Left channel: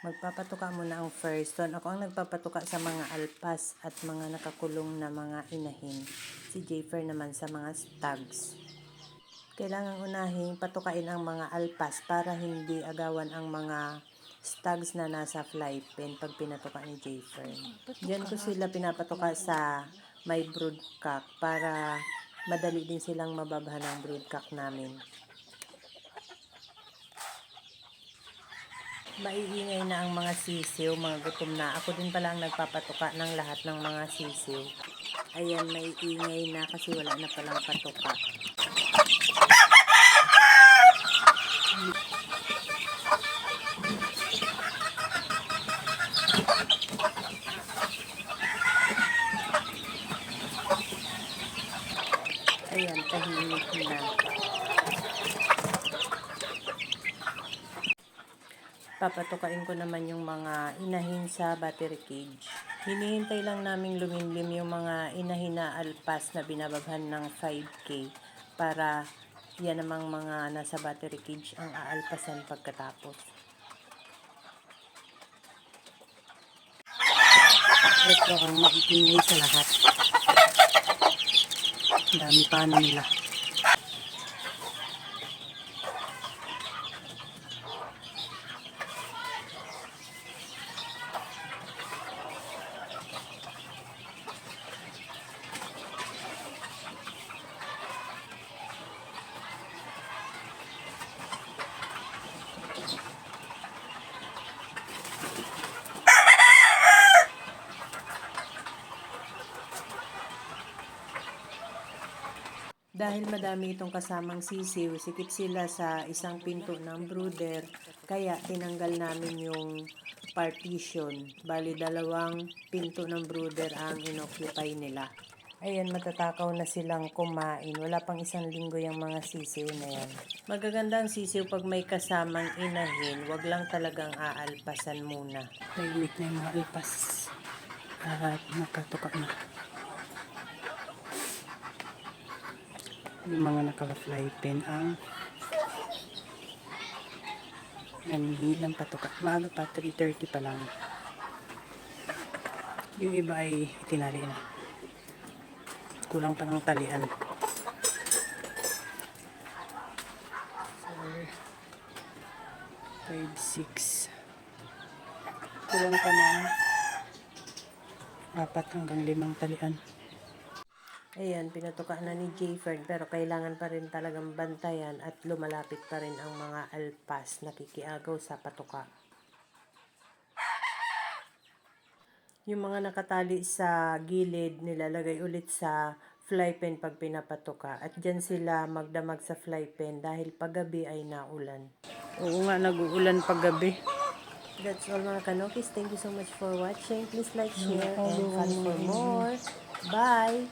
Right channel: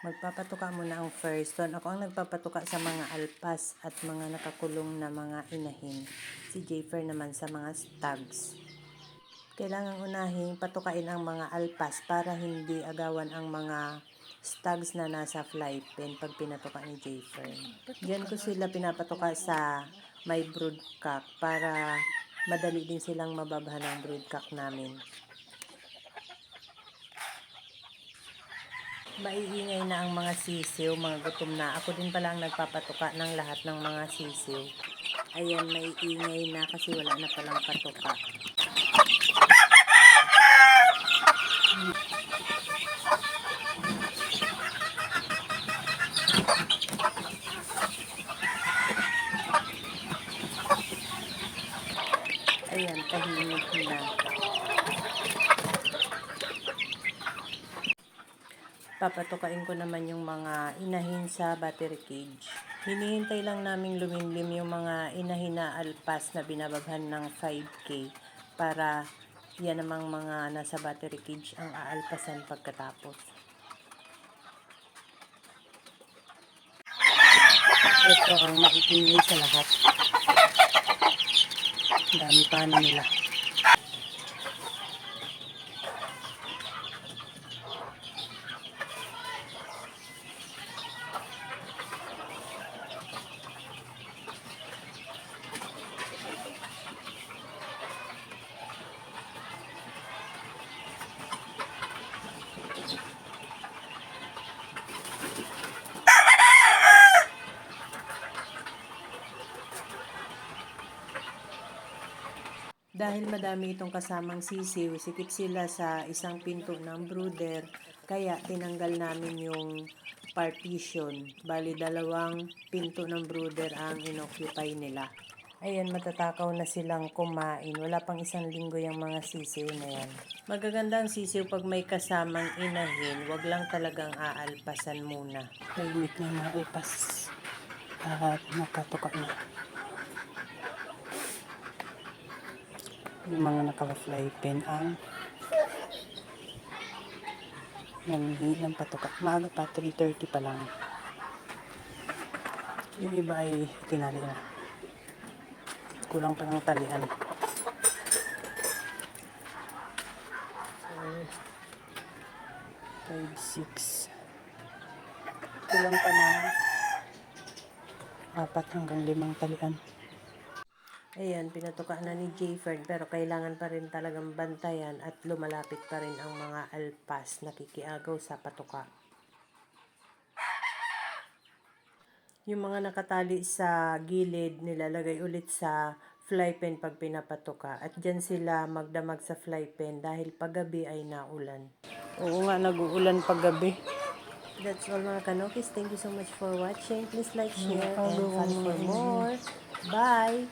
Magpapatuka muna ang first one. Ako ang nagpapatuka sa mga alpas at mga nakakulong na mga inahin. Si Jayfer naman sa mga stags. Kailangan unahin patukain ang mga alpas para hindi agawan ang mga stags na nasa fly pen pag pinatuka ni Jayfer. Diyan ko sila pinapatuka sa may broodcock para madali din silang mababahan ng broodcock namin. Maiingay na ang mga sisiw, mga gutom na. Ako din pala ang nagpapatuka ng lahat ng mga sisiw. Ayan, maiingay na kasi wala na palang patuka. Ayan, tahimik na. Papatukain ko naman yung mga inahin sa battery cage. Hinihintay lang naming lumimlim yung mga inahin na alpas na binababhan ng 5K para yan namang mga nasa battery cage ang aalpasan pagkatapos. Ito ang makikinig sa lahat. Dami pa nila. Dahil madami itong kasamang sisiw, sikip sila sa isang pinto ng brooder, kaya tinanggal namin yung partition. Bali, 2 pinto ng brooder ang inoccupy nila. Ayan, matatakaw na silang kumain. Wala pang 1 linggo yung mga sisiw na yan. Magaganda ang sisiw pag may kasamang inahin, wag lang talagang aalpasan muna. Tahimik na yung mga alpas at nakatuka na. Yung mga naka-fly pen ang hindi lang patuka. Maaga pa, 3:30 pa lang. Yung iba ay tinali na. Kulang pa ng talian. 5, 6. Kulang pa ng 4 hanggang 5 talian. Ayan, pinatuka na ni Jayfer, pero kailangan pa rin talagang bantayan at lumalapit pa rin ang mga alpas nakikiagaw sa patuka. Yung mga nakatali sa gilid, nilalagay ulit sa fly pen pag pinapatuka. At dyan sila magdamag sa fly pen dahil paggabi ay naulan. Oo nga, nag-uulan paggabi. That's all mga kanokis. Thank you so much for watching. Please like, share, and follow for more. Bye!